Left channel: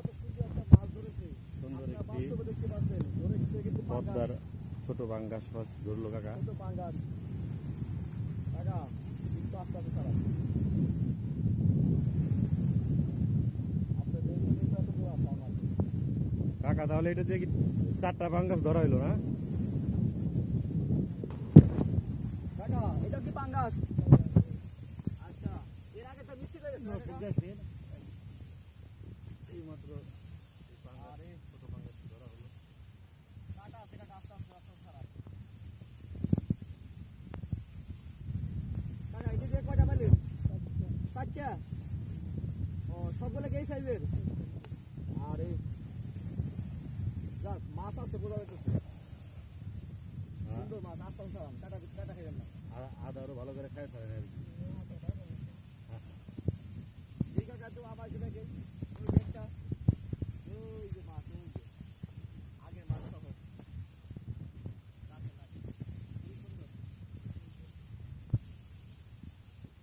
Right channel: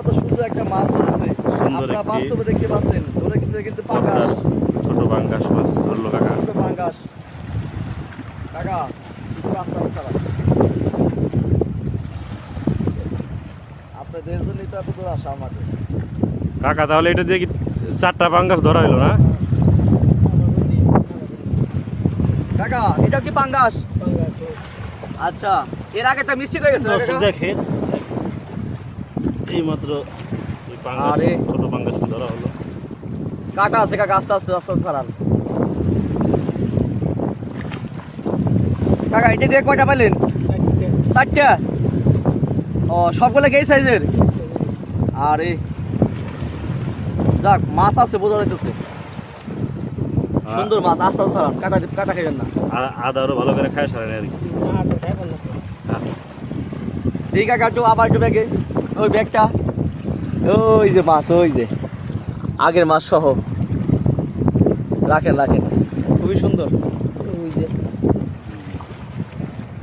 কত সুন্দর একটা মাছ ধরেছে। সুন্দর আপনারা একটি বাস্তবে দেখতে পাচ্ছেন, ধরেছে কিন্তু পাঙ্গাস। ছোট পাঙ্গাস মাছ ধরলো কাকা। ছোট পাঙ্গাস। কাকা একটু রাস্তা চালান। আপনাদের জন্যই তো এত দূর আসা আমাদের। কাকা তাহলে এটা দিয়ে কি 4টা পাঙ্গাস ধরা হলো না? কাকা এটা কি পাঙ্গাস? আচ্ছা, এর আগে একটা মিস্টেক হয়ে গেছে না দর্শক কাকা? দেখেন এই মাত্র আরে। ছোট পাঙ্গাস ধরা হলো। কাটা আছে কাকা, আস্তে আস্তে আস্তে আস্তে চালান। কাকা এটা দিয়ে কয়টা পাইলেন? 4টা। ও সবগুলো এই সাইজের? আরে যাক, মাছ আছে বোঝা যাইতেছে। সুন্দর মাছ, আস্তে আস্তে চালান, কাটা খাইবেন না। আদা আরো ভালো করে খায় সারেন আর কি। ঠিক কাকা, একটু আবার একটু ব্যাগে, ওই ব্যাগটা, ওই যে মাছ, ওই যে আগের মাছ সহ রাখেন রাখেন, খুবই সুন্দর। ওই যে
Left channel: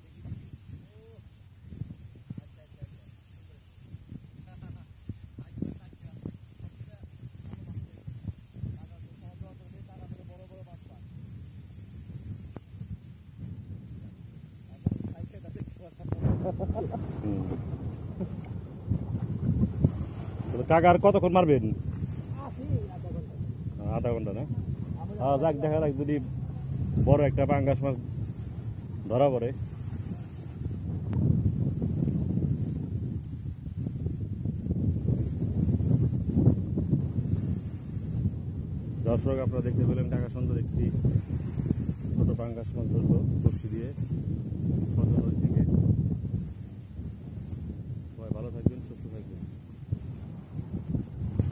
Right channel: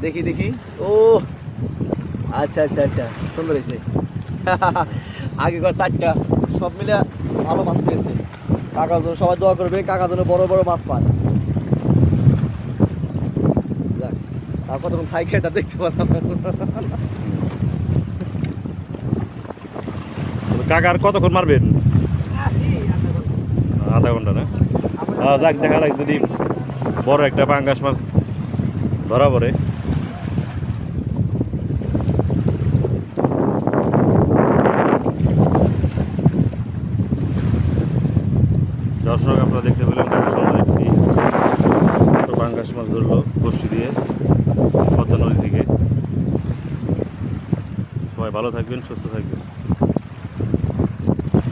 দেখি দেখি, ও আচ্ছা আচ্ছা আচ্ছা, সুন্দর হয়েছে। আগে কর 4টা, সব মিলে ভালো মাছ পেয়েছে। কাকার জন্য সবাই দোয়া করবে, কাকার জন্য বড় বড় মাছ পান। যাক, আর কতক্ষণ খাই খেয়ে এটা দেখতে পারলাম। কাকা আর কতক্ষণ মারবেন? আধা ঘন্টা না? যাক, দেখা যাক যদি বড় একটা পাঙ্গাস মাছ ধরা পড়ে। দর্শক আপনারা দেখতে পেলেন কাকা সুন্দর একটি ছোট পাঙ্গাস মাছ ধরলো বড়শি দিয়ে পদ্মা নদী থেকে। সবাই ভালো থাকবেন, সুস্থ থাকবেন।